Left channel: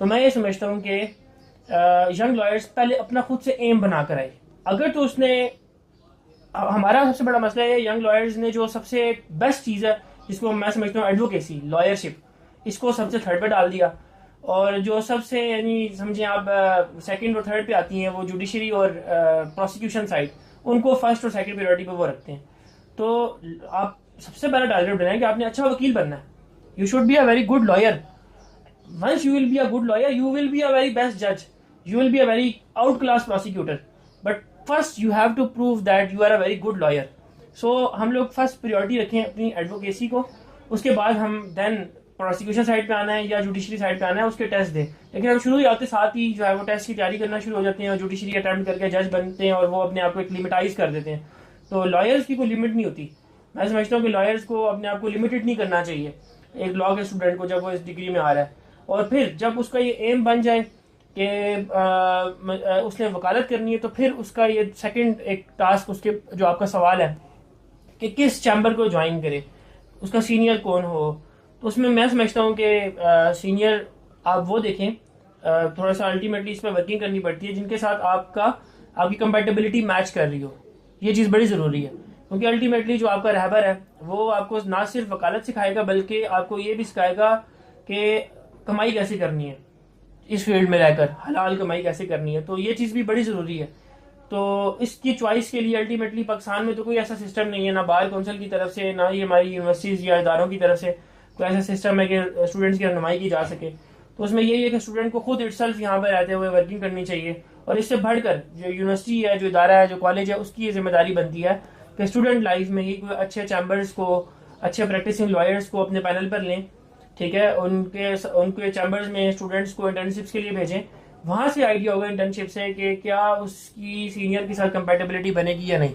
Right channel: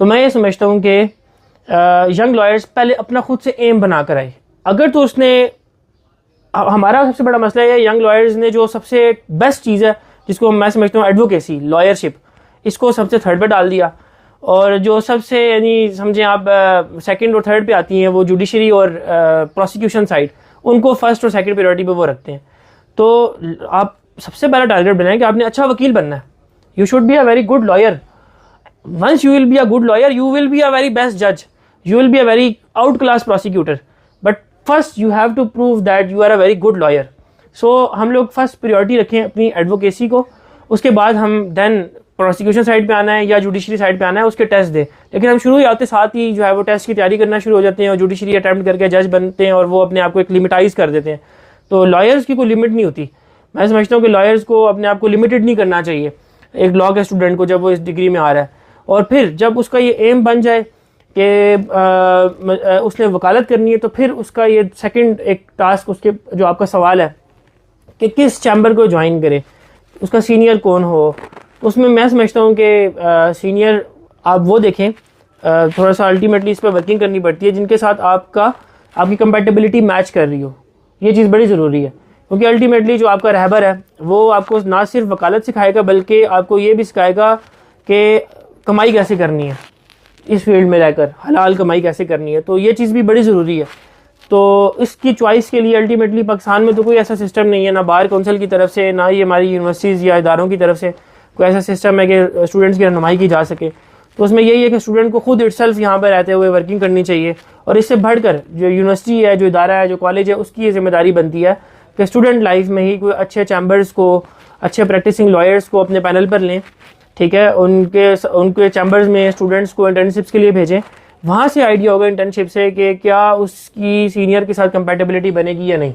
तो मैं ये समझता हूँ कि यंग लॉयर्स पहले अपना खुद से एम बना कर आए। अगर तो उसने, हमारा सबसे बड़ा मसला है यंग लॉयर्स ने जो सबसे बेस्ट चीज़ है जिसको मैं समझता हूँ एडवोकेसी, लॉयरशिप, इसको सबसे थर्ड पे डाल दिया। और जो सबसे यानी समझें आप सेकंड और थर्ड पे आती हैं वो जुडिशरी और प्रोसिक्यूशन साइड, उनको फर्स्ट और सेकंड प्रायोरिटी पे वो रखते हैं। तो आप सबसे पहला टारगेट बनाएं कि आपने अच्छा वकील बनना है। You should be a very good lawyer. once you will be a good lawyer, you will be a very best judge, you will be a very outclass prosecutor, but first you have to prove that you are a very good lawyer. So हम लोग first priority रखें अपनी advocacy को, उसके बाद हम then prosecution side पे आना है या जुडिशरी साइड पे आना है, उसके टेस्ट दे। लेकिन हम शुरू ही आते साथ ही जो है वो टेस्ट की तैयारी करना शुरू हो जाते हैं और जुडिशरी अटैम्प्ट करके जज बनते हैं और वो अपने आप को एक लिमिटाइज कर देते हैं। तो लॉयर्स की कोई लिमिट नहीं होती। मैं समझता हूँ कि लॉयर्स को अपने आप को लिमिटेड नहीं करना चाहिए एक लॉ के स्टूडेंट को जब वो इस डिग्री में आ रहा है। और फिर जब उसका ये एम बन जाए कि उसने वकालत करनी है, तो फिर उसका ये सेकंड एक टास्क, उसके जो आपका सवाल है कि किस चैम्बर को ज्वाइन करे, उसका सीनियर कौन हो। उसमें मैं समझता हूँ कि सीनियर आप वो देखें, थोड़ा सा अल्टीमेटली इस पर वर्किंग करनी पड़ती है जिनके साथ आपकी कंपैटिबिलिटी मैच कर रही हो। ये चीज़ बड़ी ज़रूरी है, क्योंकि अल्टीमेटली जो आपका रहबर है वो आपको ना सिर्फ वकालत सिखाएगा बल्कि आपको ये भी सिखाएगा कि कमाई कैसे करनी है, इस फील्ड में रहकर हलाल कमाई कैसे करनी है। तो ये चीज़ भी बड़ी ज़रूरी है। तो इसकी चॉइस के लिए अल्टीमेटली पाकिस्तान में तो कोई ऐसा सिस्टम नहीं है, ना बार काउंसिल की तरफ से, ना ही हमारी यूनिवर्सिटीज़ या इदारों की तरफ से कोई ऐसा सिस्टम है कि स्टूडेंट्स की रहनुमाई की जा सके। तो उसमें यही है कि स्टूडेंट को खुद इटसेल्फ यहाँ पर रहते हुए वर्किंग करनी चाहिए। और इससे बढ़कर जो यूनिवर्सिटी है, जो इदारा है, जो कॉलेज है, उसकी ये जिम्मेदारी बनती है कि स्टूडेंट लाइफ में ही कोई अच्छे चैम्बर्स को, अच्छे प्रैक्टिसिंग लॉयर्स को अपने पैनल पर लें, ठीक है, उनके चैम्बर्स में स्टूडेंट्स को इंटर्नशिप्स के लिए भेजें। वहाँ से आइडिया होगा इंटर्नशिप से कि क्या उसकी सीनियर के साथ कंपैटिबिलिटी बनेगी या नहीं।